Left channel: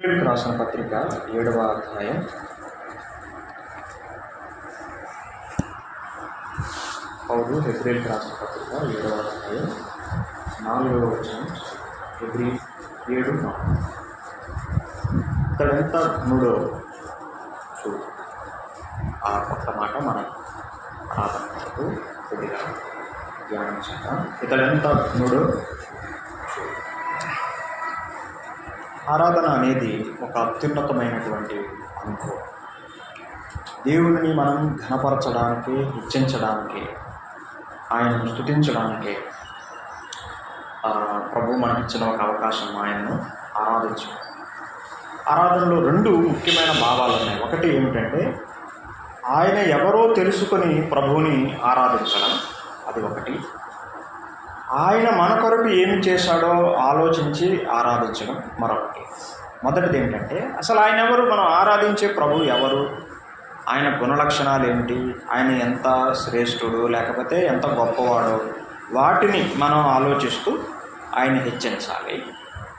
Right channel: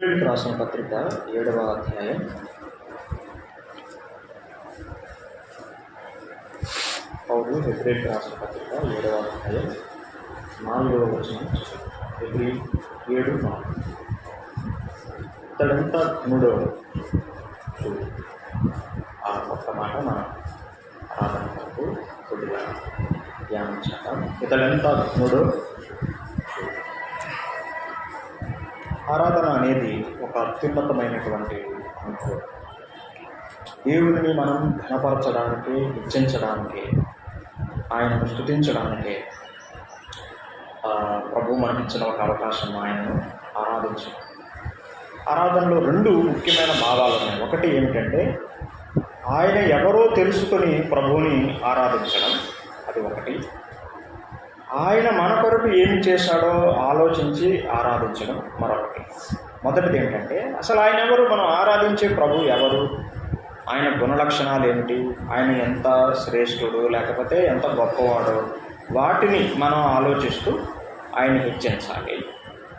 రాసిన పత్రిక 7వ అధ్యాయం పౌలు హెబ్రీయులకు రాసిన పత్రిక 7వ అధ్యాయం 4వ వచనం. హెబ్రీ 7:4. ఇతడెంత మూడో చూడు. ఆ పక్క మాట మన ఆధారంతో కొద్దిగా ధ్యానించాం. ఇతడెంత మూడో చూడు. ఆరాధన అనేది ఒక అత్యున్నతమైనటువంటి అనుభవం. దేవుడిని మనం ఘనపరచడానికి, హెచ్చించడానికి, ఆయనను స్తుతించడానికి ప్రభు మనకిచ్చిన ఒక అవకాశం ఆయనను ఆరాధించడం. ఆరాధనలో రెండు ముఖ్యమైన భాగాలు ఉన్నాయి. ఒకటి ఏమిటంటే ఆయన ఎవరో తెలుసుకొని ప్రభువుని ఆరాధించడం, అది ఒకటి. ఆయన మన కొరకు ఏమి చేశాడో ఆలోచించి ఆరాధించడం మరొకటి. మొదటిది ఏంటంటే అసలు ఆయన ఎవరు, మనం ఆరాధించే ప్రభు ఎవరు, ఆయన గుణలక్షణాలు ఏమిటి, ఆయన ఎంత శ్రేష్ఠుడు లేకపోతే ఎంత గొప్పవాడు, వాటిని మనం ఆలోచిస్తూ ఆయన హెచ్చించాలి.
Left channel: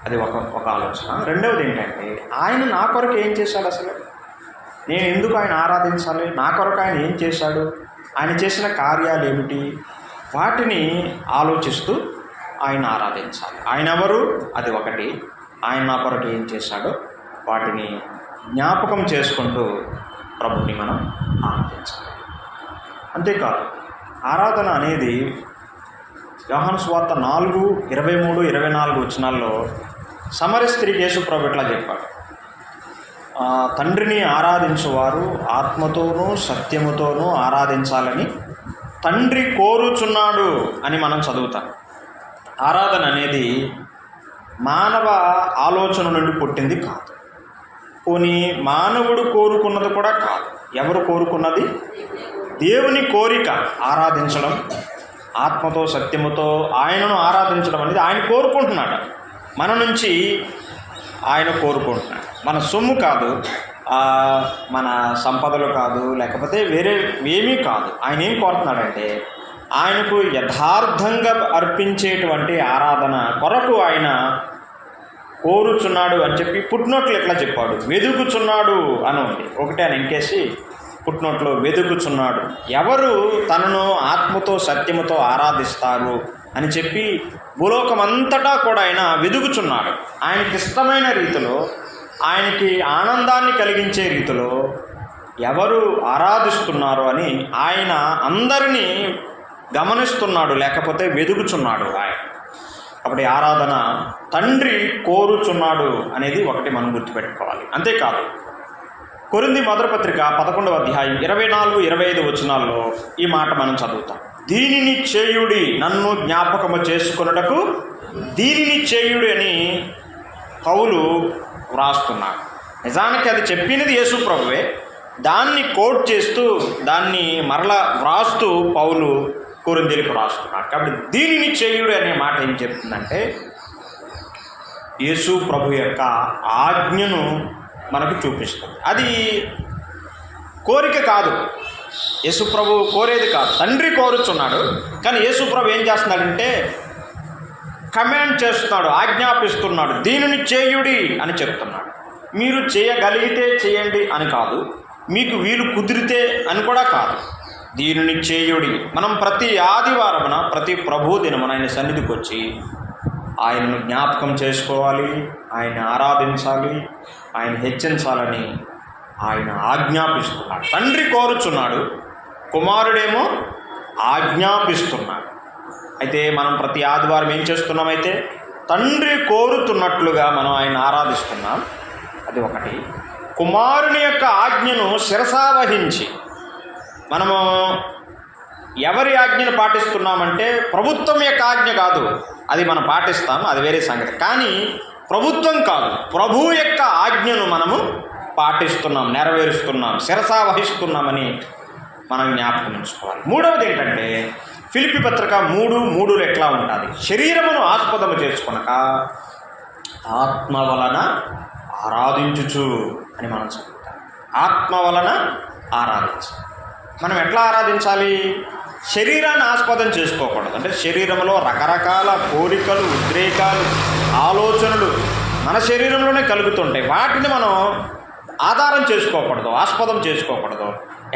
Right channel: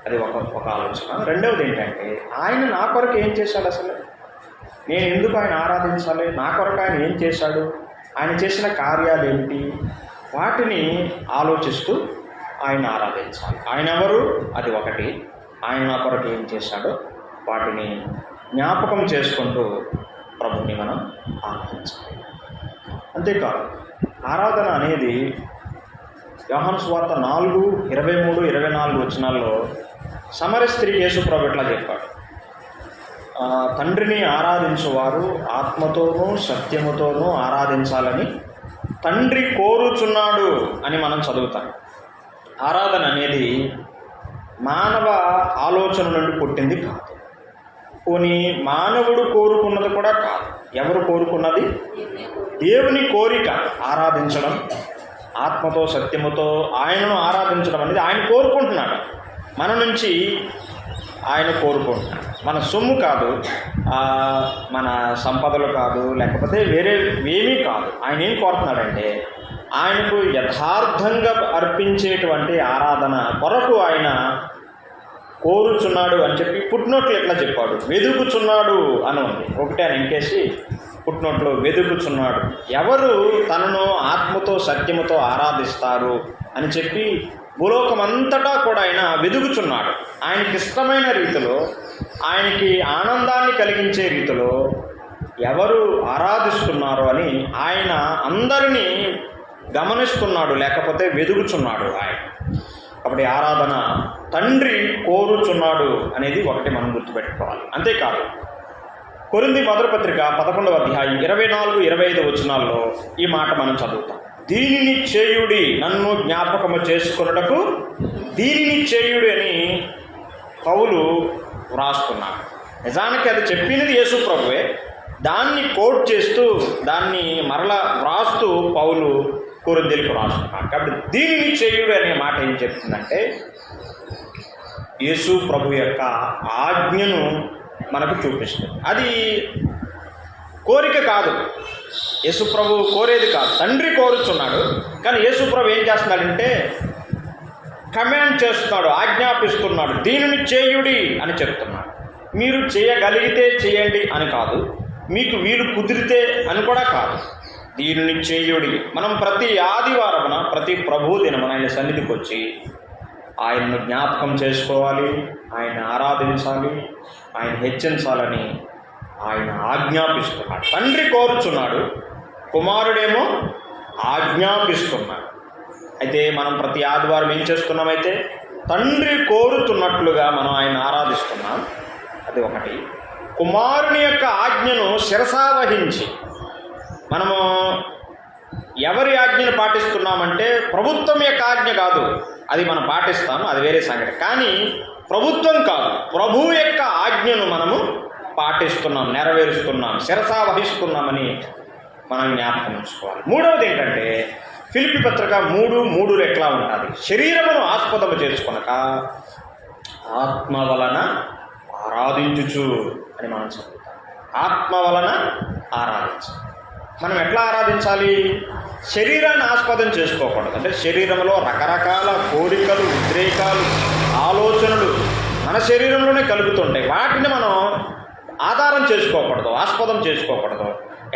అది ఒక ఆలోచన. రెండవది ఏంటంటే ఆయన నా కొరకు ఏం చేశాడు, అసలు నేను ఎందుకు ఆయన ఆరాధించాలి, నా కొరకు ఆయన ఏం చేశాడు, ఆయన చేసిన కార్యాలు ఏమిటి, వాటిని ఆలోచిస్తూ ఆయన ఆరాధించాలి. ఆయన ఎవరు, అది ఒకటి. ఆయన నా కొరకు ఏం చేశాడో వాటిని జ్ఞాపకం చేసుకుంటూ ప్రభుని మనం ఆరాధించాలి. అంతేకాదు ఆరాధన అనేది యోహాను సువార్త 4:23-24 వచనాల్లో సమరయ స్త్రీకి యేసు ప్రభు ఇట్లా చెప్పాడు, తండ్రిని ఆరాధించువారు ఆత్మతోనూ సత్యముతోనూ ఆరాధించాలని తండ్రి కోరుచున్నాడు అని మనం చదువుతాం. ఆరాధన అనేది మానవ ఆలోచన నుండి పుట్టింది కాదు, పోనీ మానవుడు కోరుకున్నది కూడా కాదు. ఎవరు కోరుకున్నది? దేవుని కోరిక. ఆరాధించడం, ఆత్మతో సత్యముతో ఆయనను ఆరాధించడం అనేది ఆయన కోరుకుంటున్నాడు. మన నుంచి ఆయన కోరుకుంటున్నాడు. మన సొమ్ము కాదు, మన సంపదలు కాదు, లేకపోతే వేరే ఏమీ కాదు. ఆయన ఏం కోరుతున్నాడంటే ఆయనకు యథార్థంగా అర్పించేటువంటి ఆరాధన కొరకు ఆయన కోరుచున్నాడు అని చెప్పి పుట్టినోట్లు ఎట్లా చెప్పాడు, వెదుకుచున్నాడు అని ఉంది. ఒకటే అని ఇంకేసి పుట్టినోట్లో వెదుకుచున్నాడు. ఎవరు తనను ఆత్మతో సత్యముతో ఆరాధిస్తారు అని చెప్పి భూలోకమంతటా కూడా ఆయన వెదుకుచున్నాడు. ఆయనకి ఇష్టమైన రీతిలో, ఆయనకి ఆనందాన్ని కలిగించే రీతిలో ఎవరు ఆరాధిస్తున్నారు అని ఆయన అందరినీ గమనిస్తున్నాడు, లేకపోతే వెదుగుచున్నాడు ఆయన. కాబట్టి ఆరాధన తండ్రి కోరుచున్నాడు అనేది ఒకటి మనం గుర్తుపెట్టుకోవాలి. అంతేకాదు కొరింథీ మొదటి పత్రిక 11వ అధ్యాయం 24-25 వచనాల్లో ఈ మాట మనం చదువుతాం. దీనిని చేయుడి, నన్ను జ్ఞాపకము చేసుకొనుటకు దీనిని చేయుడి అని పౌలు వ్రాస్తున్నాడు. నిజానికి అది చెప్పినది యేసు ప్రభువే, దాన్ని కోట్ చేస్తూ దాన్ని మరలా వ్రాస్తూ పౌలు కొరింథీయులకు రాస్తున్నాడు. కాబట్టి దీనిని చేయుడు అనే మాట ఏం చెప్తుందంటే యేసు ప్రభు యొక్క ఆజ్ఞను మనకు చూపిస్తుంది. అది కోరిక కాదు, యేసు ప్రభు కోరేది కాదు, తండ్రి కోరుచున్నాడు. కానీ యేసు ప్రభు ఏం చేస్తున్నాడంటే కమాండ్ చేస్తున్నాడు, ఆజ్ఞాపిస్తున్నాడు. దీనిని చేయుడి అని చెప్తున్నాడు. మీరు చేయగలిగితే చేయండి అని కాదు, మీకు వీలు కుదిరితే అని కూడా కాదు. దీనిని చేయుడి. మనం ప్రతి ఆదివారమున, ప్రతి ప్రభు దినమున ఆయన సన్నిధికి వచ్చి ఆయనను జ్ఞాపకం చేసుకోవాలి, ఆయన ఆరాధించాలి, ఆయన హెచ్చించాలని ఆయన ఆజ్ఞాపిస్తున్నాడు. తండ్రి కోరుచున్నాడు, కుమారుడేమో ఆజ్ఞాపిస్తున్నాడు. అయితే మనం ప్రతి ఆదివారం ఏం చేస్తున్నామైతే తండ్రి కోరుతున్నట్లుగా మనం ఆయన ఆరాధిస్తున్నాం, అది ఒకటి. కుమారుని యొక్క ఆజ్ఞను శిరసావహించి మనము ఎవరి ఆజ్ఞను పాటిస్తున్నామంటే ప్రభుత్వం యొక్క ఆజ్ఞ కాదు, అది మనం పాటిస్తాము, అది వేరే సంగతి. కానీ ప్రభుత్వం కాదు, ప్రభువు యొక్క ఆజ్ఞను మనము పాటిస్తున్నాం, నెరవేరుస్తున్నాం, శిరసావహిస్తున్నామని మనం జ్ఞాపకం ఉంచుకోవాలి. మూడవది ఏంటంటే ఫిలిప్పీ పత్రిక 3:3 ఎట్లా ఉంటుంది, శరీరమును ఆస్పదము చేసుకొనక ఆత్మ వలన ఆరాధించుచు అని మనం చదువుతాం. ఆత్మ వలన ఆరాధించాలి. మనం ఎట్లా ఆరాధించాలి? శరీరాన్ని ఆస్పదం చేసుకోకూడదు. అంటే శరీరంలో రకరకాల కోరికలు, ఉద్రేకాలు, ఆలోచనలు మన మన శరీరంలోనే కలుగుతుంటాయి. వాటిని మనం ఆధారం చేసుకోకూడదు, ఆస్పదం చేసుకోకూడదు.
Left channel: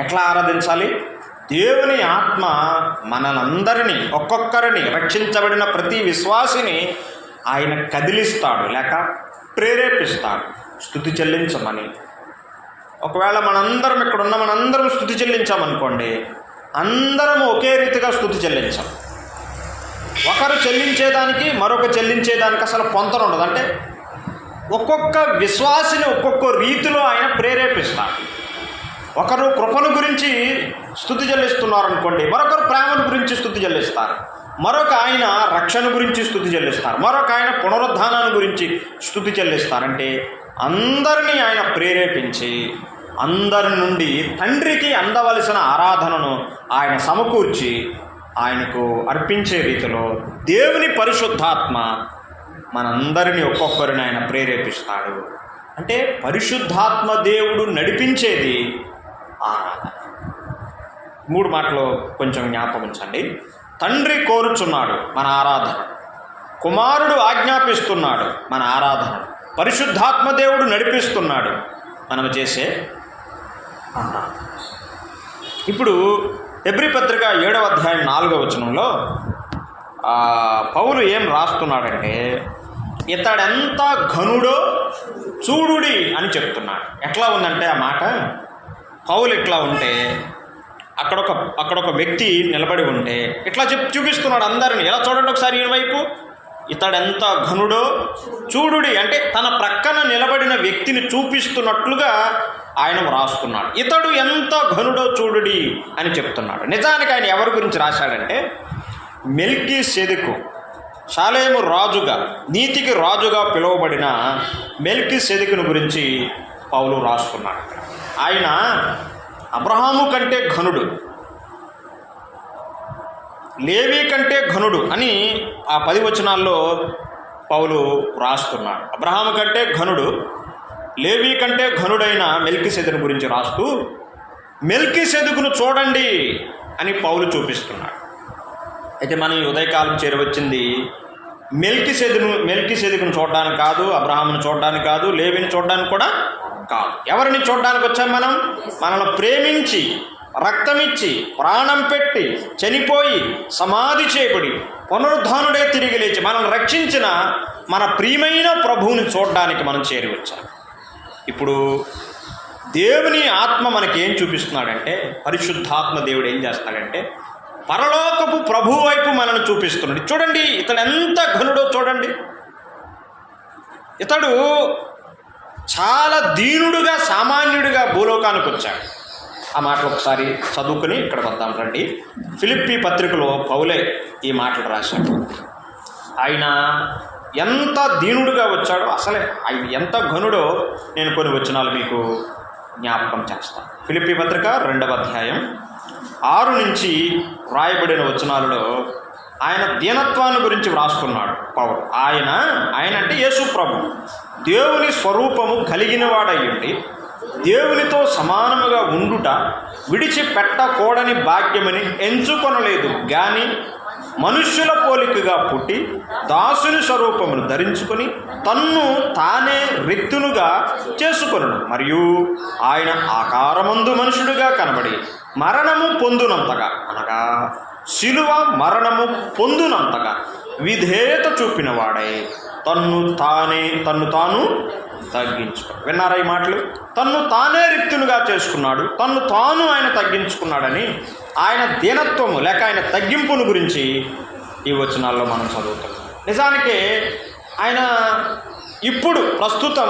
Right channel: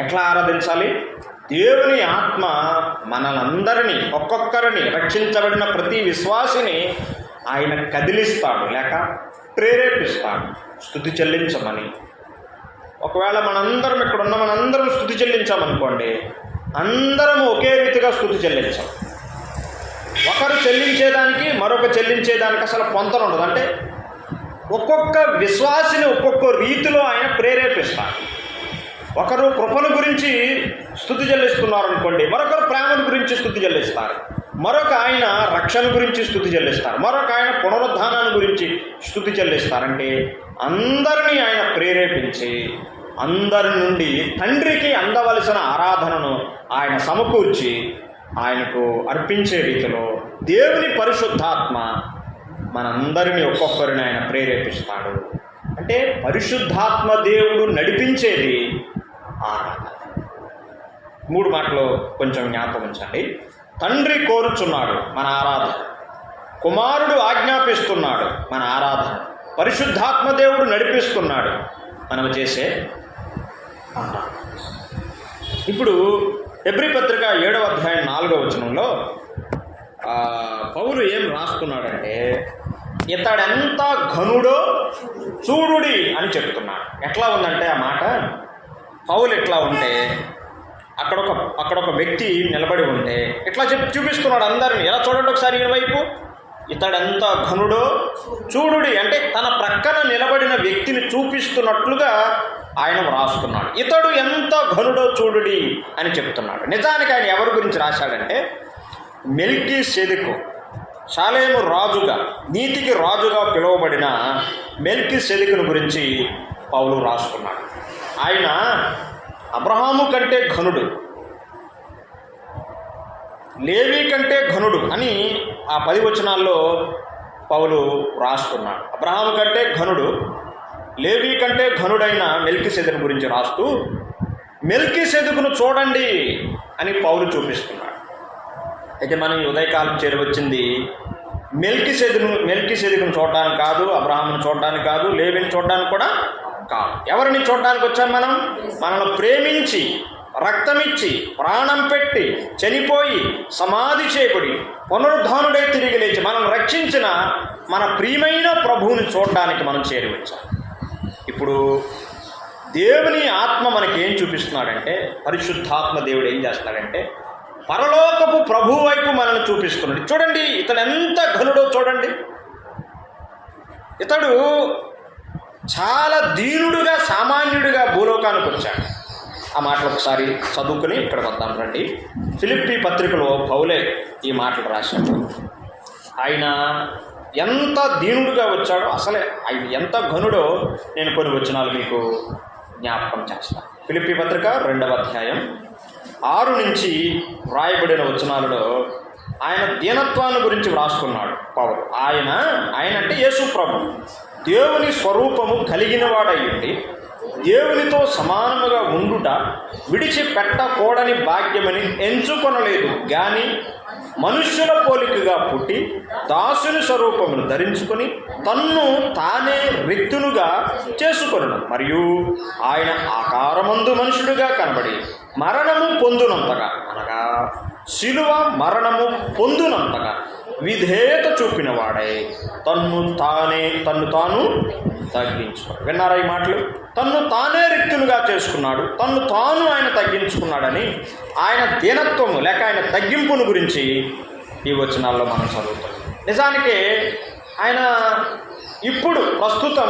ఎట్లా ఆరాధించాలి? దేవుని ఆత్మ మనందరినీ, ఒక్కొక్కరిని, రక్షించబడిన ప్రతి విశ్వాసిని ఆయన కదిలిస్తాడు, లేక ప్రేరేపిస్తాడు స్తుతి చెల్లించమని. ఒకవేళ మనందరం ఇక్కడున్న మనందరం స్తుతి చెల్లించామనుకోండి, అందరం ఒకే రీతిగా స్తుతి చెల్లించాం. ఒకరు చెల్లించేదానికి మరొక చెల్లించేదానికి అసలు పొంతన ఉండదు. అంటే ఒక్కొక్క విశ్వాసిని ఒక్కొక్క రీతిలో ఆయన ప్రేరేపిస్తాడు. ఒకరు కృపను గురించి స్తుతి చెల్లిస్తున్నారు అనుకోండి, మరొకరు ప్రేమను గురించి స్తుతి చెల్లిస్తారు, మరొక ఆయన రక్షణ గురించి స్తుతి చెల్లిస్తారు, మరొక ఆయన పునరుద్ధానాన్ని గురించి స్తుతి చెల్లిస్తారంటే అందరినీ ఆయన ప్రేరేపించి అందరి నుండి తండ్రికి అందవలసిన ఆరాధనను ఆయన సమకూర్చి ఆయనకు అర్పించే రీతిలో దేవుని పరిశుద్ధాత్మ మనందరినీ ఒక్కొక్కరిని ఆయన ప్రేరేపిస్తాడు. అంటే పరిశుద్ధాత్మ దేవుడు నడిపించేది ఆరాధన. 3 మాటలు కొంచెం జ్ఞాపకం ఉంచండి. తండ్రి కోరుచున్నాడు, మన ఆరాధన. కుమారుడు ఆజ్ఞాపిస్తున్నాడు, మన ఆరాధన. పరిశుద్ధాత్మ దేవుడు నడిపిస్తున్నాడు, మనం చేసే ఆరాధన. ఇప్పుడు హెబ్రీ పత్రిక 7వ అధ్యాయం 4వ వచనంలో పౌలు ఏం రాస్తున్నాడంటే, ఇతడెంత ఘనుడో చూడుడి అని చెప్తున్నాడు. ఎట్లా ఉందంటే ఆ మాట, పౌలు ఎట్లా ఉంటే అక్కడొక వ్యక్తి నిలబడి ఉంటే ఇట్లా చూపిస్తున్నాడు అందరినీ. ఎలా చూడండి ఒకసారి ఈ వైపు, ఇతడెంత ఘనుడో చూడుడి అంటే తన ప్రక్కన నిలబడిన వ్యక్తిని చూపిస్తున్నట్లుగా ఆయన వ్రాస్తున్నాడు. ఇతడు ఎంత ఘనుడో చూడుడి అని చెప్తున్నాడు. నిజానికి ఆయన ఎవరి గురించి రాశాడంటే, మెల్కీసెదెకు, షాలేము రాజుగా, నీతికి రాజుగా పిలువబడిన మెల్కీసెదెకును గురించి పౌలు రాస్తున్నాడు. ఆయన అబ్రహాము కంటే ఘనుడు, లేవి కంటే ఘనుడు అని ఆ 10 వచనాల్లో పౌలు రాస్తున్నాడు. అబ్రహాము కంటే ఘనుడు, లేవి కంటే ఘనుడైన మెల్కీసెదెకు గురించి రాస్తూ మెల్కీసెదెకును చూడండి అని పౌలు చూపిస్తున్నాడు. అయితే మనం ఈ ఉదయకాలం చేరవచ్చింది మెల్కీసెదెకును చూడడానికి కాదు, అబ్రహామును చూడడానికి కాదు, లేవిని చూడడానికి కూడా కాదు. ఎవరిని చూడడానికి వచ్చాం? మనల్ని ప్రేమించి, రక్తమిచ్చి, ప్రాణం పెట్టి, చనిపోయి, సమాధి చేయబడి, పునరుద్ధానుడే తిరిగి లేచి మనల్ని రక్షించిన మన ప్రియమైన ప్రభువుని చూడడానికి మనం చేరి వచ్చాం. ఇప్పుడు దేవుని ఆత్మ మనకి ఏం చూపిస్తున్నాడంటే, పరిశుద్ధాత్మ దేవుడు ఏం చేస్తాడంటే పరలోకపు ప్రభు వైపు మనల్ని చూపిస్తున్నాడు. చూడండి ఇతడు ఎంత ఘనుడో చూడండి. ఇతడు చాలా దీనుడుగా, సామాన్యుడిగా భూలోకానికి వచ్చాడు. ఆ మాటలు ఒకసారి చదువుకుని ఇక్కడ వద్దాం రండి. ఫిలిప్పీ పత్రికలో పౌలే ఈ మాటలు రాశాడు. ఆయన ఎంత దీనుడుగా వచ్చాడో, అసలే ఆయన ఎంత ఘనుడో నేను కొన్ని వచనాలు మీకు జ్ఞాపకం చేస్తాను. ఫిలిప్పీ పత్రిక 2వ అధ్యాయం 6 నుంచి వ్రాయబడిన వచనాలలో ఆయన దీనత్వాన్ని గురించి వ్రాసుకున్నాడు పౌలు. ఆయన అంటే యేసు ప్రభు దేవుని స్వరూపము కలిగిన వాడయ్యుండి దేవునితో సమానముగా ఉండుట విడిచిపెట్టకూడని భాగ్యమని ఎంచుకొనలేదు గాని మనుష్యుల పోలికగా పుట్టి దాసుని స్వరూపమును ధరించుకొని తన్ను తానే రిక్తునుగా చేసుకొను. మరియు ఆయన ఆకారమందు మనుషుడిగా కనబడి మరణము పొందునంతగా, అనగా శిలువ మరణము పొందునంతగా విధేయత చూపిన వాడై తన్ను తాను తగ్గించుకో. విన్నారా ఈ మాటలు? తన్ను తానే రిక్తునుగా చేసుకున్నాడు, తన్ను తాను ఆయన తగ్గించుకున్నాడని ఆయన దీనత్వము లేక ఆయన తగ్గింపును గురించి ఈ వచనాల్లో మనం చదువుతాం. నిజానికి ఆయన ఇప్పుడు ప్రస్తుతం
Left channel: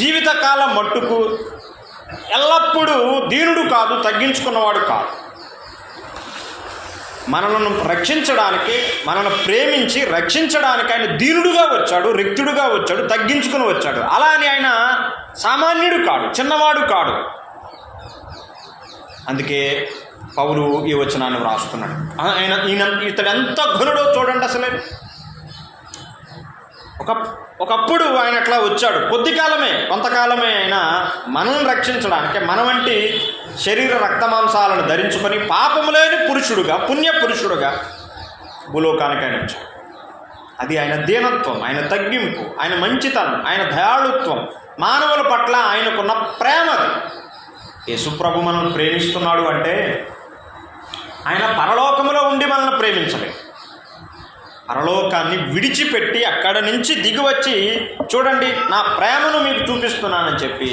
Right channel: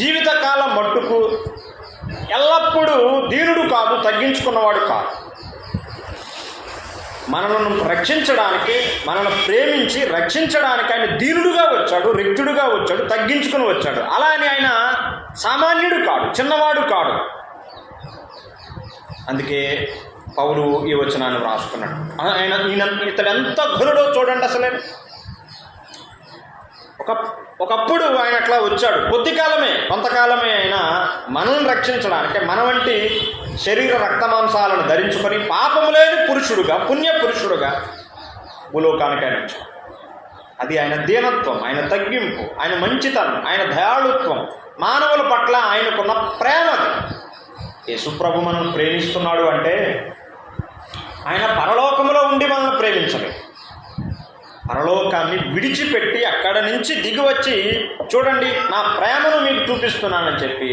జీవితకాలం మట్టుకు ఎల్లప్పుడూ దీనుడు కాదు, తగ్గించుకున్నవాడు కాదు. మనల్ని రక్షించడానికి, మనల్ని ప్రేమించి రక్షించడానికి ఆయన దీనుడుగా వచ్చాడు, రిక్తుడుగా వచ్చాడు, తగ్గించుకుని వచ్చాడు. అలా అని ఆయన సామాన్యుడు కాడు, చిన్నవాడు కాడు. అందుకే పౌలు ఈ వచనాన్ని రాసుకున్నాడు. ఇతడు ఎంత ఘనుడో చూడండి. అసలే ఒకప్పుడు ఆయన అట్లా వచ్చాడు, కొంతకాలమే ఆయన మనల్ని రక్షించడానికి, మన వంటి శరీర రక్తమాంసాలను ధరించుకొని పాపము లేని పురుషుడుగా, పుణ్య పురుషుడుగా భూలోకానికి ఆయన వచ్చాడు. అది ఆయన దీనత్వం, ఆయన తగ్గింపు, ఆయన మంచితనం, ఆయన దయాళుత్వం, మానవుల పట్ల ఆయనకున్న ప్రేమ. అది యేసుప్రభు మనం ప్రేమిస్తున్నాడు అంటే ఆయన పరలోకములో ఉండి మనల్ని ప్రేమించలేదు. పరలోకాన్ని విడిచిపెట్టి అక్కడ నుంచి దిగివచ్చి చూడండి నా ప్రేమను మీకు చూపిస్తున్నానని చెప్పి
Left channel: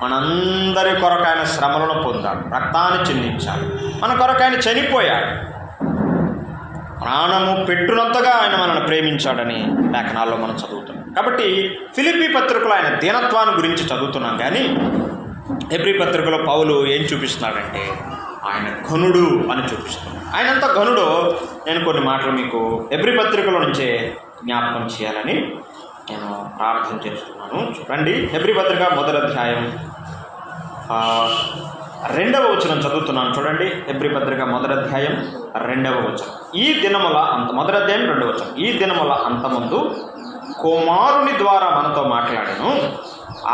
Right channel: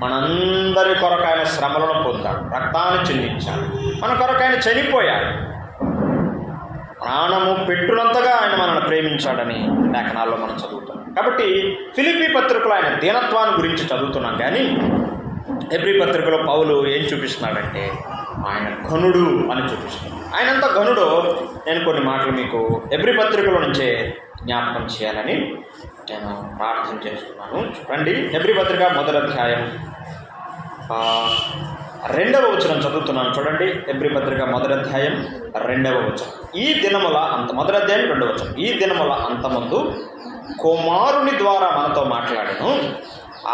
మనందరి కొరకు ఆయన శ్రమలను పొందాడు, రక్తాన్ని చిందించాడు, మన కొరకు ఆయన చనిపోయాడు, ప్రాణము పెట్టునంతగా ఆయన మనల్ని ప్రేమించాడని లేఖనాల్లో మనం చదువుతున్నాం. కాబట్టి ఫిలిప్పీ పత్రికలో ఆయన దీనత్వాన్ని గురించి చదువుతున్నాం. కానీ హెబ్రీ పత్రికలో పౌలు ఏం చూపిస్తున్నాడంటే ఆయన ఘనుడు అని చూపిస్తున్నాడు. ఆయన ఎంత ఘనుడో నేను కొన్ని మాటలు మీకు హెబ్రీ పత్రికలో నుంచే జ్ఞాపకం చేయాలని నేను ప్రార్థన చేస్తున్నాను. చూడండి, హెబ్రీ పత్రిక 1వ అధ్యాయం 2వ వచనం చదువుతున్నాను. చూడండి, హెబ్రీ పత్రిక 1వ అధ్యాయం 2వ వచనం. ఈ దినముల అంత 1వ అధ్యాయం 2వ వచనం. ఈ దినముల అంతమందు కుమారుని ద్వారా మనతో మాట్లాడను,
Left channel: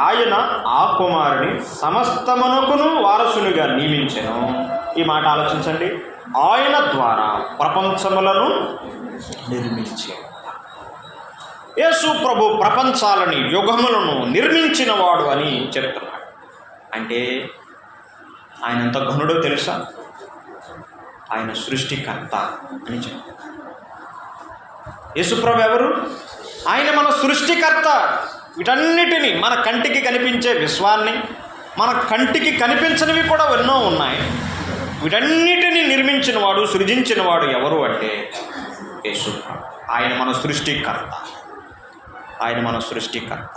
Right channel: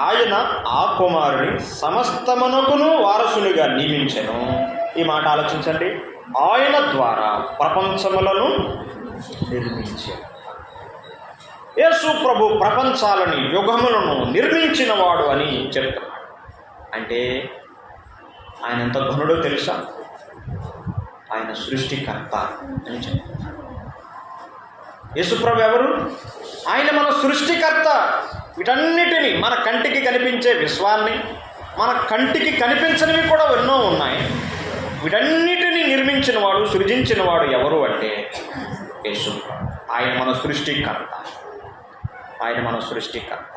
ఆయన ఆ కుమారుని సమస్తమునకును వారసునిగా నియమించెను. ఈ మాట ఆలోచించండి. ఆయన ద్వారా ప్రపంచములను నిర్మించాడు. యేసు ప్రభు ప్రపంచాలని, యుగములను నిర్మించినవాడు అని చెప్తున్నాడు. అంటే ఆయన ఎంత ఘనుడో తెలుసా? ఆయన సృష్టికర్త అని చెప్తాడు. యేసు ప్రభు ఎవరు? ఆయన మన సృష్టికర్త. వీటన్నిటినీ, మన కంటికి కనిపించే విశ్వాన్ని, మన కంటికి కనిపించినవి కూడా ఎన్నో ఉన్నాయి, వీటన్నిటినీ నిర్మించినవాడు, సృజించినవాడు ఎవరు అంటే యేసు ప్రభు. ఆయన మన సృష్టికర్త. ఆయన మన సృష్టికర్త.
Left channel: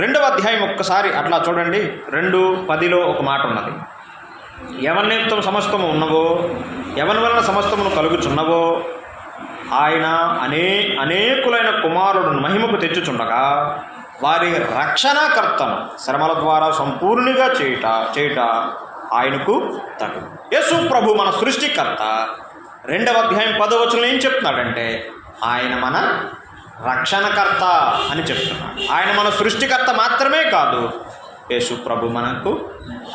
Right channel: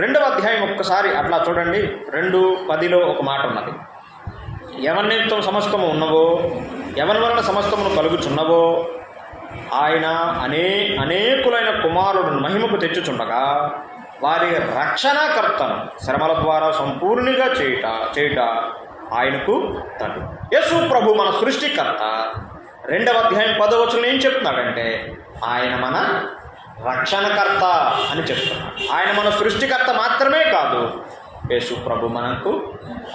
2వ అధ్యాయం ఒక్కసారి అట్లా చూడండి. 2:10 ఒక మాట ఉన్నది. ఎవరినితో సమస్తము ఉన్నవో, ఎవరి వలన సమస్తమును కలుగుచున్నవో ఆయన అనేకులైన కుమారులను మహిమకు తెచ్చుచుండగా వారి రక్షణకర్తను శ్రమల ద్వారా సంపూర్ణిగా చేయుట ఆయనకు తగు. యేసు ప్రభు మన సృష్టికర్త. 2వ అధ్యాయం 10వ వచనంలో ఏం చెప్తున్నాడంటే ఆయన మన రక్షణకర్త అని చెప్తున్నాడు. ఆయన మన సృష్టికర్త మాత్రమే కాదు, యేసు ప్రభు మనకు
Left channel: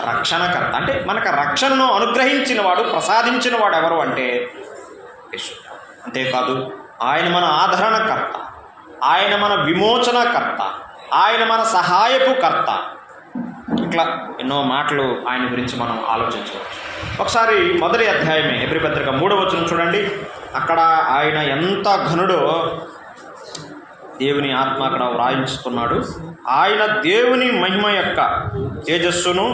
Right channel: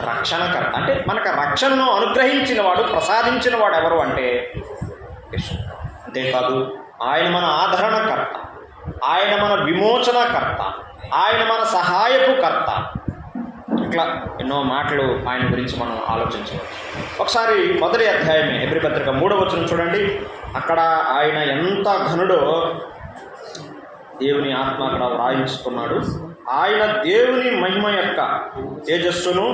రక్షణకర్త. అంటే మనకు రక్షణను అనుగ్రహించినవాడు, ప్రసాదించినవాడు ఎవరు అంటే యేసు. అంతేకాదు ఆయన మన ఆదరణకర్త, ఆయన మన విమోచనకర్త, ఆయన మన సహాయపు కర్త. ఇట్లా ఎన్నో మాటలు ఆయన గురించి మనం ఆలోచించవచ్చు. ఒకసారి 1వ అధ్యాయమే హెబ్రీ పత్రిక 3వ వచనం చూడండి. అక్కడ ఆయన ఎంత ఘనుడో దేవుని ఆత్మ అక్కడ వ్రాయించుతున్నాడు. ఆయన దేవుని మహిమ యొక్క తేజస్సును,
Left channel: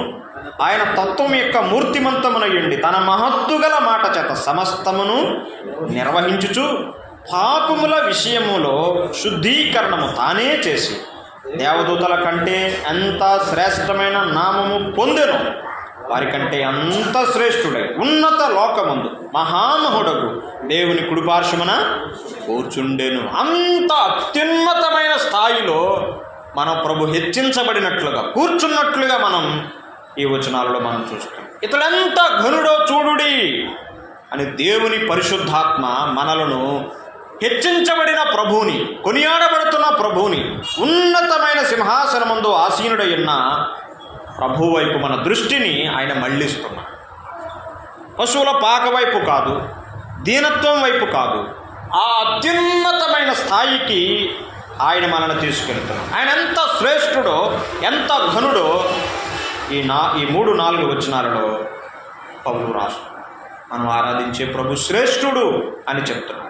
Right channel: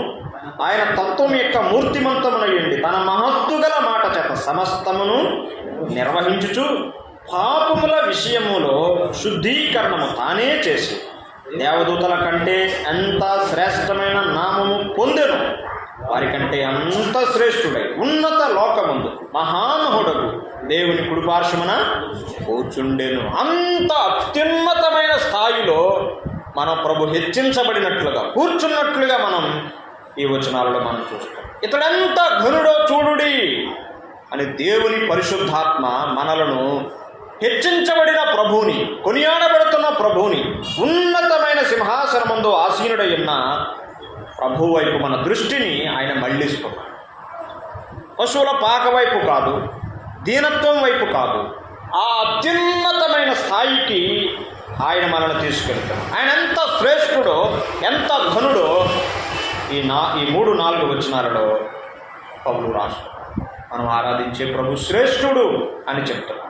ఆయన తత్వం యొక్క మూర్తిమంతమునయుండి తన మహత్తుగల మాట చేత సమస్తమును నిర్వహించుచు పాపముల విషయములో శుద్ధీకరణము తానే చేసి దేవదూతల కంటే ఎంత శ్రేష్టమైన నామము పొందెను, వారికంటే అంత శ్రేష్ఠుడై ఉన్నత లోకమందు మహామహుడకు దేవుని కుడిపార్శ్వమున కూర్చుండెను. అంత అత్యున్నతమైన స్థాయిలో మన ప్రభు హెచ్చించబడినట్లుగా, కూర్చున్నట్లుగా మనం ఈ వచనాలలో మనం చూస్తాం. ఇతడెంత ఘనుడో చూడుడి అని దేవుని పరిశుద్ధాత్మ మనలను హెచ్చించబడిన ప్రభువుని, కొనియాడబడుతున్న ప్రభువుని, ఉన్నతమైన సింహాసనమందు ఆసీనుడై ఉన్న ప్రభు వైపు మన దృష్టిని ఆయన మళ్ళిస్తున్నాడు. పశువుల పాక వైపు కాదు, దీనత్వం వైపు కాదు, ఆ అత్యున్నతమైన స్థాయికి ఆయన మనల్ని తీసుకెళ్తాడు. ఆయన ఎంత శ్రేష్ఠుడో, ఎంత ఘనుడో ఈ 3-4 వచనాలలో పౌలు రాస్తాడు. మనం ఆరాధించే ప్రభు శ్రేష్ఠుడు అని చెప్తున్నాడు.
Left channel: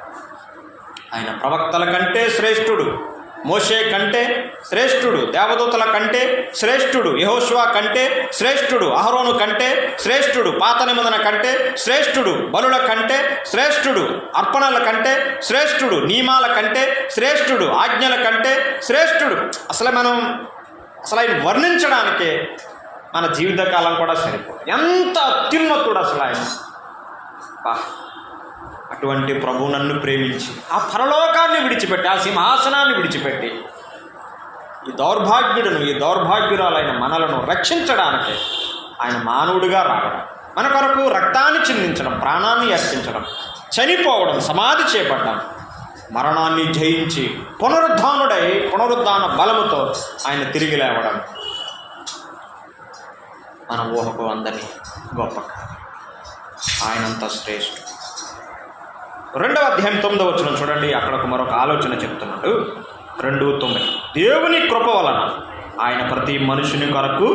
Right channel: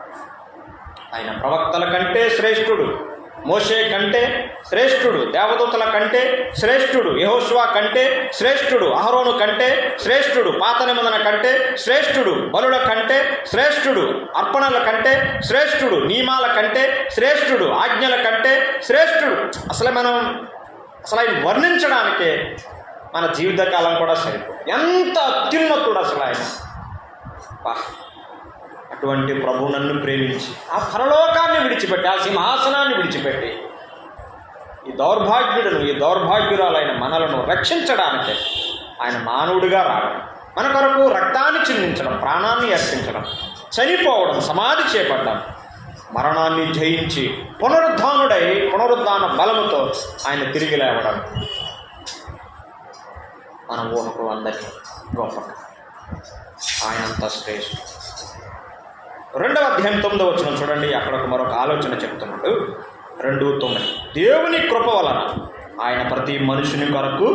ఆయన ప్రవక్తల కంటే శ్రేష్ఠుడు, మోషే కంటే శ్రేష్ఠుడు, దేవదూతల కంటే శ్రేష్ఠుడు, యెహోషువ కంటే శ్రేష్ఠుడు, అహరోను కంటే శ్రేష్ఠుడు, పాత నిబంధన కంటే శ్రేష్ఠుడు, బలుల కంటే శ్రేష్ఠుడు, అర్పణల కంటే శ్రేష్ఠుడు, నియమాల కంటే శ్రేష్ఠుడు, ఆజ్ఞల కంటే శ్రేష్ఠుడు. అసలు ఆయన వర్ణించడానికే మన జీవితకాలం కూడా సరిపోదు. ఎంత అత్యున్నతుడు అసలు ఆయన. అటువంటి ప్రభు నన్ను ప్రేమించి ఆ పరలోకాన్ని విడిచిపెట్టి, ఆ సింహాసనాన్ని విడిచిపెట్టి ఈ దౌర్భాగ్యురాలైన మనలను రక్షించడానికి ఆయన మానవుడిగా రావడం, మన కొరకు రక్తాన్ని చిందించడం, ప్రాణాన్ని అర్పించడం, చనిపోవడం, సమాధి చేపట్టడం, మరణాన్ని జయించి పునరుద్ధాన బలముతో ఆయన తిరిగి లేవడం మన ఊహకు అందరినీ గొప్ప. ఆయనంత శ్రేష్ఠుడు. 2వ అధ్యాయం 9వ వచనం చూడండి. అక్కడ మరొక ఆలోచన చెప్తున్నాడు. 2:9 దేవుని కృప వలన ఆయన ప్రతి మనుషుని కొరకు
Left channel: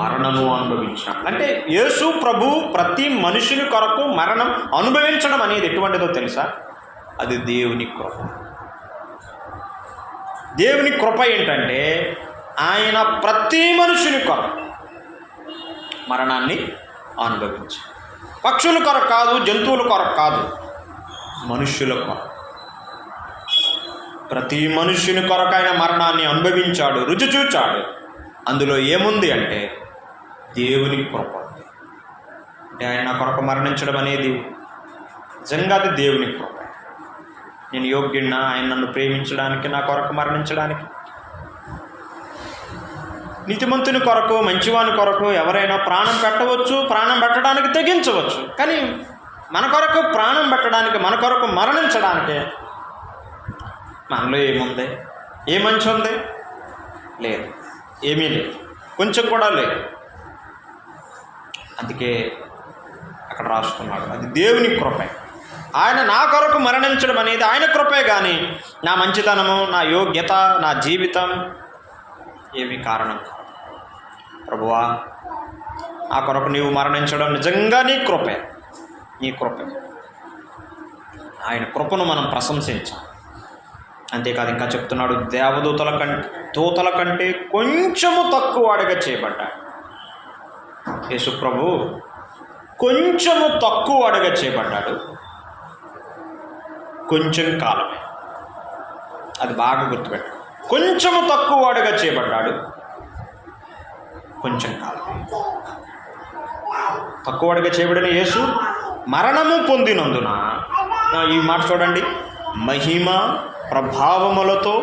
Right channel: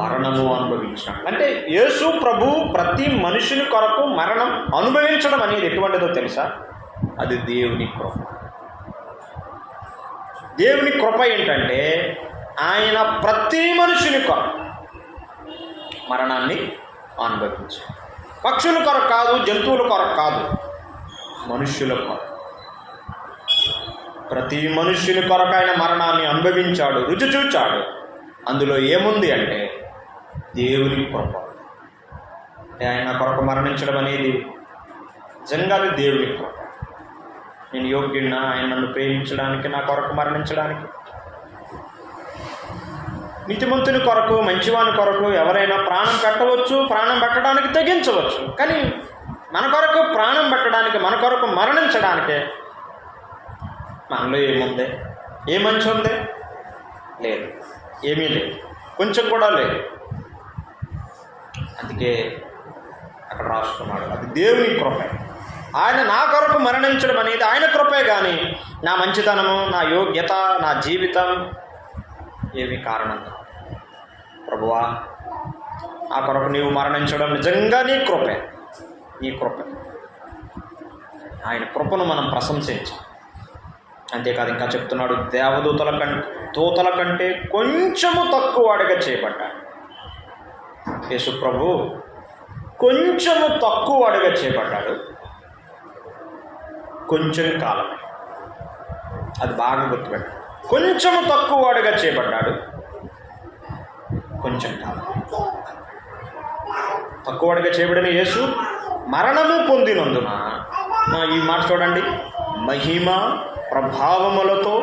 మరణము అనుభవించాడు. అంటే యేసు ప్రభు ప్రతి మనుషుని కొరకు మరణం అనుభవించడం అనేది ఎటువంటిదో తెలుసా? అది దేవుని కృప. దేవుని కృప ఏంటంటే ఆయన ప్రతి మనుషుని కొరకు మరణాన్ని అనుభవించాడు. పక్షుల కొరకు కాదు, జంతువుల కొరకు కాదు, మనుష్యుల కొరకు. ప్రతి మనుష్యుని కొరకు ఆయన మరణాన్ని అనుభవించాడు, రుచి చూచాడు. అందులో ఏముంది అంటే దేవుని కృప. ఆయన కొరకు మరణించడం అనేది నిజంగా అది దేవుని కృప. నేను యోగ్యుడినా ఆయన నన్ను ప్రేమించడానికి, నా కొరకు మరణించడానికి? నీతిమంతుని కొరకు, మంచివాని కొరకు ఎవరైనా ప్రాణం పెట్టవచ్చు, ప్రాణం పెట్టడానికి తెగించవచ్చు. కానీ మన కొరకు ప్రాణం పెట్టడానికి, మన కొరకు మరణించడానికే మనలో ఏముంది? ఏ మంచి ఉంది? లేదు, ఏమీ లేదు, కొంచెం కూడా లేదు. అందుకే అక్కడ రాసుకున్నాడు అది దేవుని కృపే. ఆయన నా కొరకు మరణించడం అనేది ఆయన కృపే, కానీ నా మంచితనము, నా యోగ్యత, నా జీవితం ఏమీ కారణం కాదు. ప్రభువా, నా కొరకు నీవు మరణించడం నిజంగా నీ కృపే, నీ కృపే. ఆయన కృపను మనం ప్రశంసించాం. అంతేకాదు, ఇంకా చెప్తున్నాడు, దూతల కంటే కొంచెము తక్కువ వాడిగా చేయబడ్డాడు. యేసు ప్రభు కొంచెము తక్కువ వాడిగా చేయబడ్డాడు. కొంచెం కాలమే, అది బాగా గుర్తుపెట్టాడు. కొంచెము తక్కువ వాడిగా చేయబడ్డాడు, కొంచెం కాలమే. తక్కువ వాడిగా చేయబడిన యేసు మరణము పొందినందున, ఈ మాట చూడండి, మహిమ ప్రభావములతో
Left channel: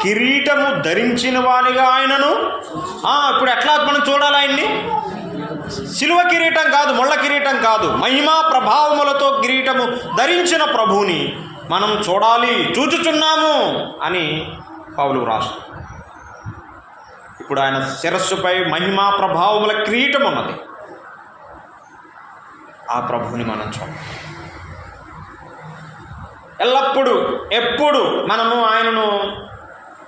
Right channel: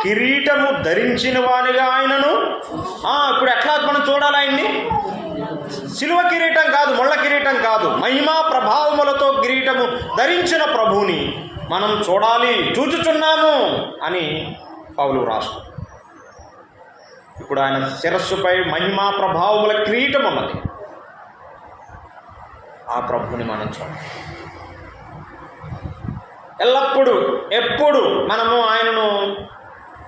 కిరీటము ధరించిన వానిగా ఆయనను. ఇప్పుడు ఎట్లా మనం చూడాలి ఆయన్ని? సిలువ కిరీటం కాదు, ముళ్ళ కిరీటం కాదు, మహిమ ప్రభావములతో కిరీటము ధరించిన ప్రభువుని మనం చూడాలి, చూచుచున్నాము అని పౌలు రాస్తూ. ఇప్పుడు ఆయన శిరస్సుపై మహిమా ప్రభావముల కిరీటం ఉన్నది. ఆ ప్రభువుని మనం చూడాలి. ఎల్లప్పుడూ ఎప్పుడు మనము ఆయనను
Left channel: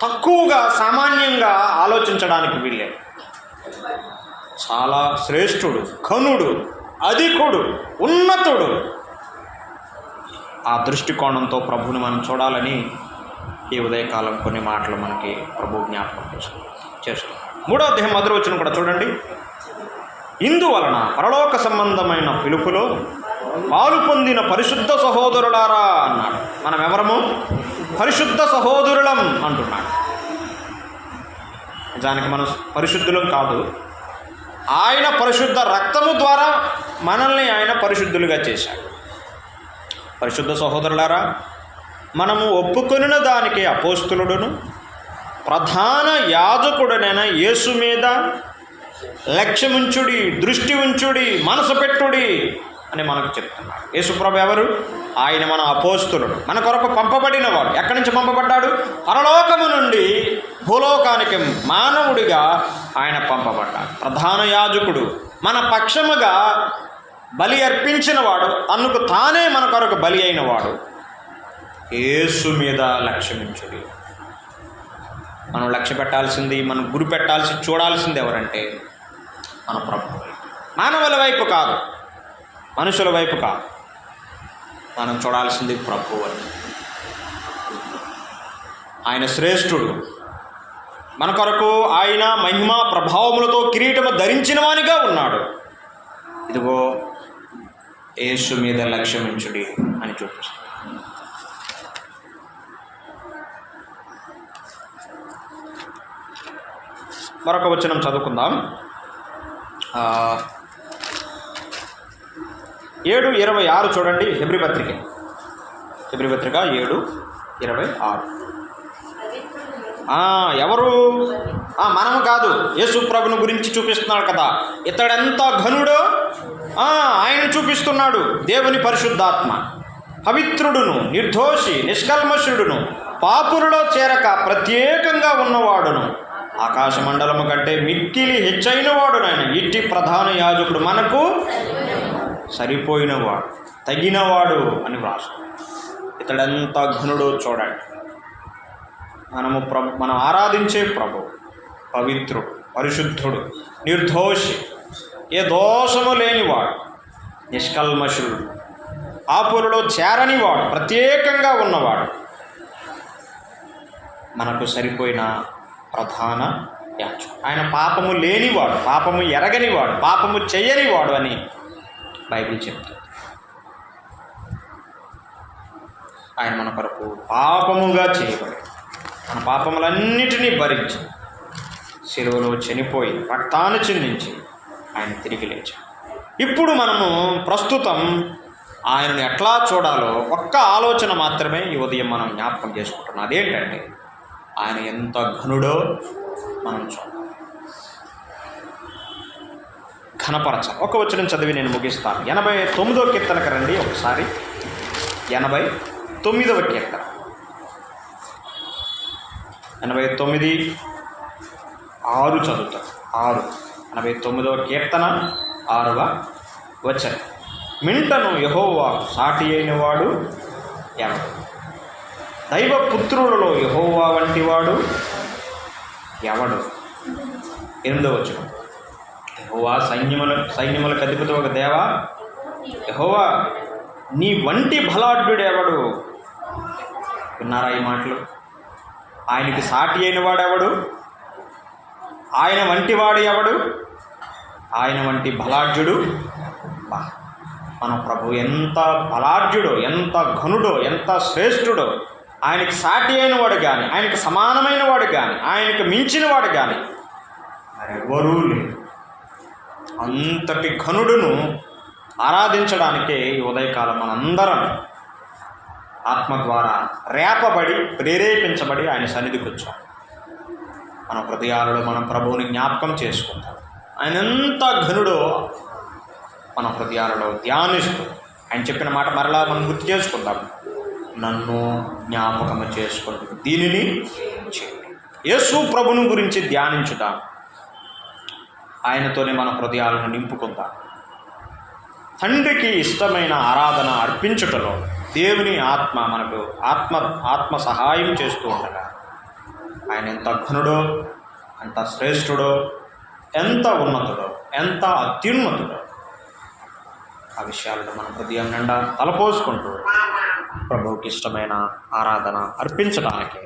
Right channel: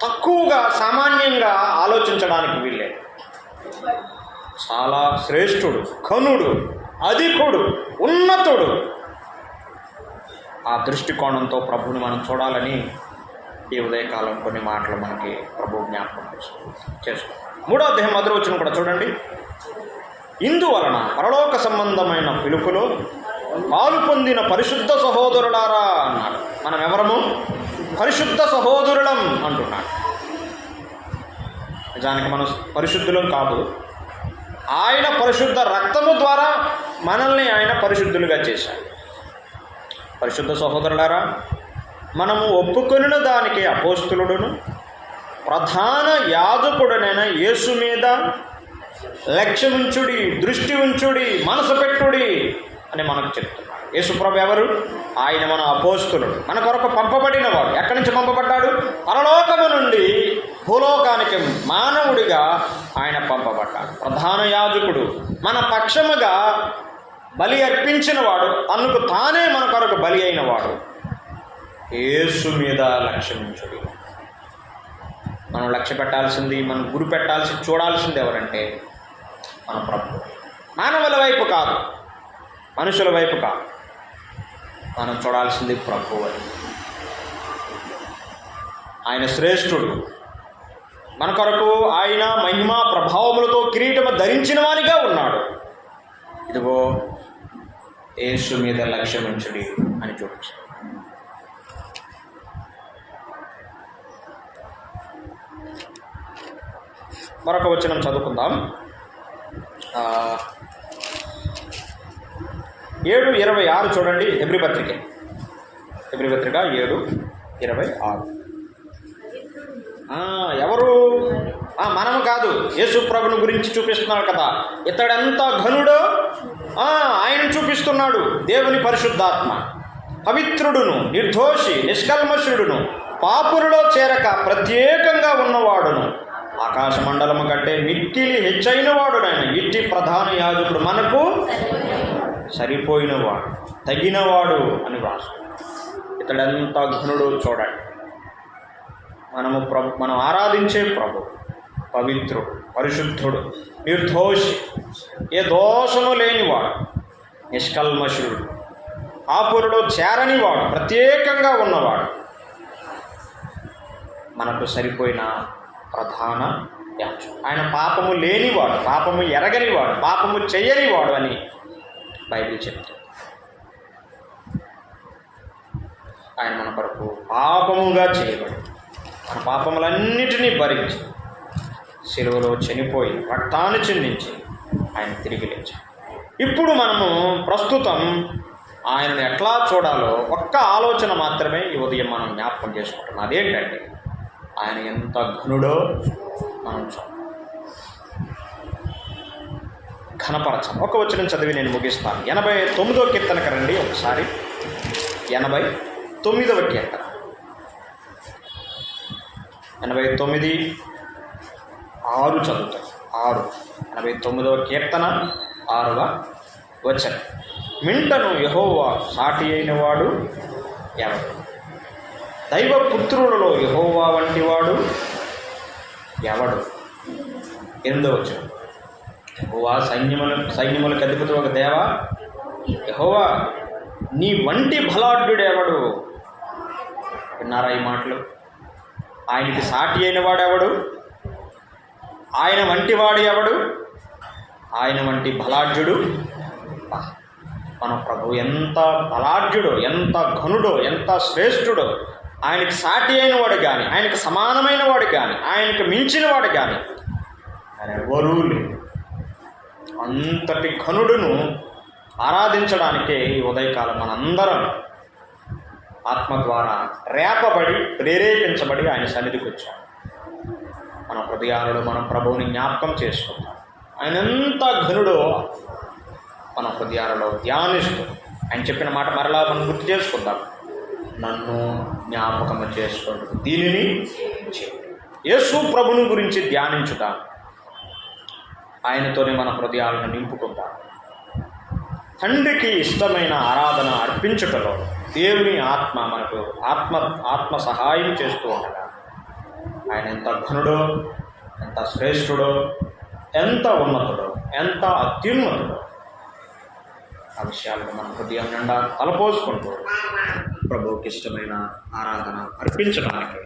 తక్కువగా, సామాన్యంగా ఆలోచించడానికి వీళ్ళే. చాలా శ్రేష్ఠుడు, ఘనుడు, అధికుడు, ఉన్నతుడు. ఆ దృష్టికోణంతో ప్రభువుని మనం చూడాలని ఈ ఉదయకాలం కొన్ని మాటలు మనకి ప్రభు జ్ఞాపకం చేస్తాం. 3వ అధ్యాయం 1వ వచనం కూడా చూడండి. ఇందువలన పరలోక సంబంధమైన పిలుపులో పాలు పొందిన పరిశుద్ధ సహోదరులారా అన్నాడు. మనం ఎవరము? పరిశుద్ధ సహోదరులం అంటున్నాడు. నిజానికి మనం పరిశుద్ధులం కాదు, ఆయన పరిశుద్ధ రక్తము ద్వారా మనల్ని ఆయన పరిశుద్ధులుగా చేశాడు. పరిశుద్ధ సహోదరులారా, మనము ఒప్పుకొనిన దానికి అపోస్తలుడును ప్రధాన యాజకుడనైన యేసు మీద లక్ష్యముంచుడి, దృష్టి ఉంచుడి, మనసు పెట్టుడి అని మనకు చెప్తున్నాడు. యేసుప్రభు ఎవరు? ఆయన మన అపోస్తలుడు, మన కొరకు పంపబడినవాడు. ఎక్కడి నుంచి పంపబడ్డాడు? పరలోకము నుండి భూలోకానికి మానవుడిగా ఆయన పంపబడ్డాడు. ప్రధాన యాజకుడు, మన పక్షముగా బలి అర్పించినవాడు, అందుకు తానే మన కొరకు బలి అయినవాడు. యేసు మీద లక్ష్యముంచుడి. మనం లక్ష్య పెట్టాల్సింది, మనం గురి పెట్టాల్సి, చూడాల్సింది ఎవరంటే మన ప్రభు. మానవుల వైపు కాదు, మనుషుల వైపు కాదు, మనం చూడాల్సింది ప్రభు అని. ఆయన శ్రేష్ఠుడు, మన కొరకు ఆయన మహిమా ప్రభావములతో కిరీటము ధరించిన వానిగా ఉన్నాడు. ఇదిగో యేసు మీద లక్ష్యముంచుడి అని చూపిస్తాడు. మరొక వచనం చదువుకుందాం. 7:26 చూడండి. హెబ్రీ పత్రిక 7:26. ఎవరు? మనము కాదు, యేసు ప్రభుని గురించి చూపిస్తున్నాడు కదా. ఇతడెంత ఘనుడో ఆయన చూపిస్తున్నాడు. దేవుని పరిశుద్ధాత్మ, పవిత్రుడును, నిర్దోషి, నిష్కల్మషుడును, పాపులలో చేరక ప్రత్యేకంగా ఉన్నవాడును, ఆకాశ మండలము కంటే మిక్కిలి హెచ్చైన వాడునైన ఇట్టి ప్రధాన యాజకుడు మనకు సరిపోయినవాడు, తగినవాడు అని రాస్తున్నాడు. ఇతడెంత ఘనుడో చూడండి. మనం ఆరాధించే ప్రభు పవిత్రుడు, పరిశుద్ధుడు, నిర్దోషి, ఏ దోషము లేనివాడు, నిష్కల్మషుడు, పాపులలో చేరనివాడు, ప్రత్యేకంగా ఉన్నవాడు, మనకు సరిపోయిన ప్రధాన యాజకుడు. ఆయన పాపము లేనివాడు, పాపము ఎరగనివాడు, పాపము చేయనివాడు అని బైబిల్ చెప్తుంది. ఆయన మన కొరకు పాపముగా చేయబడి మన పాపములన్నిటినీ భరించి శిలువలో చనిపోయి రక్తాన్ని చిందించి ఆయన తిరిగి లేచాడు. ఇప్పుడు మనము ప్రస్తుతం ఆయనను ఎట్లా చూడాలో ఒక్క ఆలోచన మాత్రమే ఈ ఉదయం మనం జ్ఞాపకం చేసుకుంటున్నాం. అదేంటంటే ఆయన ఎంత ఘనుడో మనం చూడాలి, ఘనపరచాలి. ఒక వచనం చదివి నేను ముగిస్తాను. 89వ కీర్తనకు రండి ఒకసారి. 89వ కీర్తన 89:6 చదువుతాం. 89వ కీర్తన 6వ వచనం. మింటను యెహోవా సాటి అయినవాడు ఎవడు? దైవపుత్రులలో యెహోవా వంటివాడు ఎవడు? 8వ వచనం. యెహోవా సైన్యములకు అధిపతి ఒక దేవా, యెహోవా నీ వంటి బలాఢ్యుడు ఎవడు? విన్నారా ఈ మాటలు? ఆయనకి సాటి అయిన వాడు ఎవడు? ఆయన వంటి వాడు ఎవడు? ఆయన వంటి బలాఢ్యుడు మన ప్రభు ఎంత బలాఢ్యుడో, ఎంత ఘనుడో, ఎంత శ్రేష్ఠుడో. ఆయనకి సాటి అయిన వాడు కానీ, ఆయనకు సమానమైన వాడు కానీ, ఆయనకు మించిన వాడు కానీ ఎవరూ లేరు. అంతటి ఘనుడును ఆరాధించడానికే ఈ ఉదయకాలం మనందరం ఆత్మ ద్వారా రేపబడి ప్రేరేపించబడి ఆయన సన్నిధికి వచ్చాం. మన హృదయాలలో మనం ప్రభువుని జ్ఞాపకం చేసుకుంటాం. ఆయన ఎంత ఘనుడో మన హృదయాలలో ధ్యానిస్తూ ఆయన చెప్పిన మాట మరలా మనం గుర్తు చేసుకుంటాం. నన్ను జ్ఞాపకము చేసుకోండి, దీనిని చేయండి. యేసు ప్రభుని గురించి ధ్యానించుతాం. ఆయనతోనే మన హృదయాలను నింపుకుందాం. తండ్రికి ఇష్టమైన ఆరాధన అర్పించుటలో దేవుని ఆత్మ మనకు ఆత్మ సహాయం చేస్తూ ఉండగా ఆయన ఎంత ఘనుడో, ఎంత శ్రేష్ఠుడో, ఎంత ఉన్నతుడో, ఎంత అత్యున్నతుడో ఆ విషయాలను మన హృదయం నిండా తలపోసుకుంటూ ప్రభువుకి ఇష్టమైన ఆరాధన అర్పించడానికి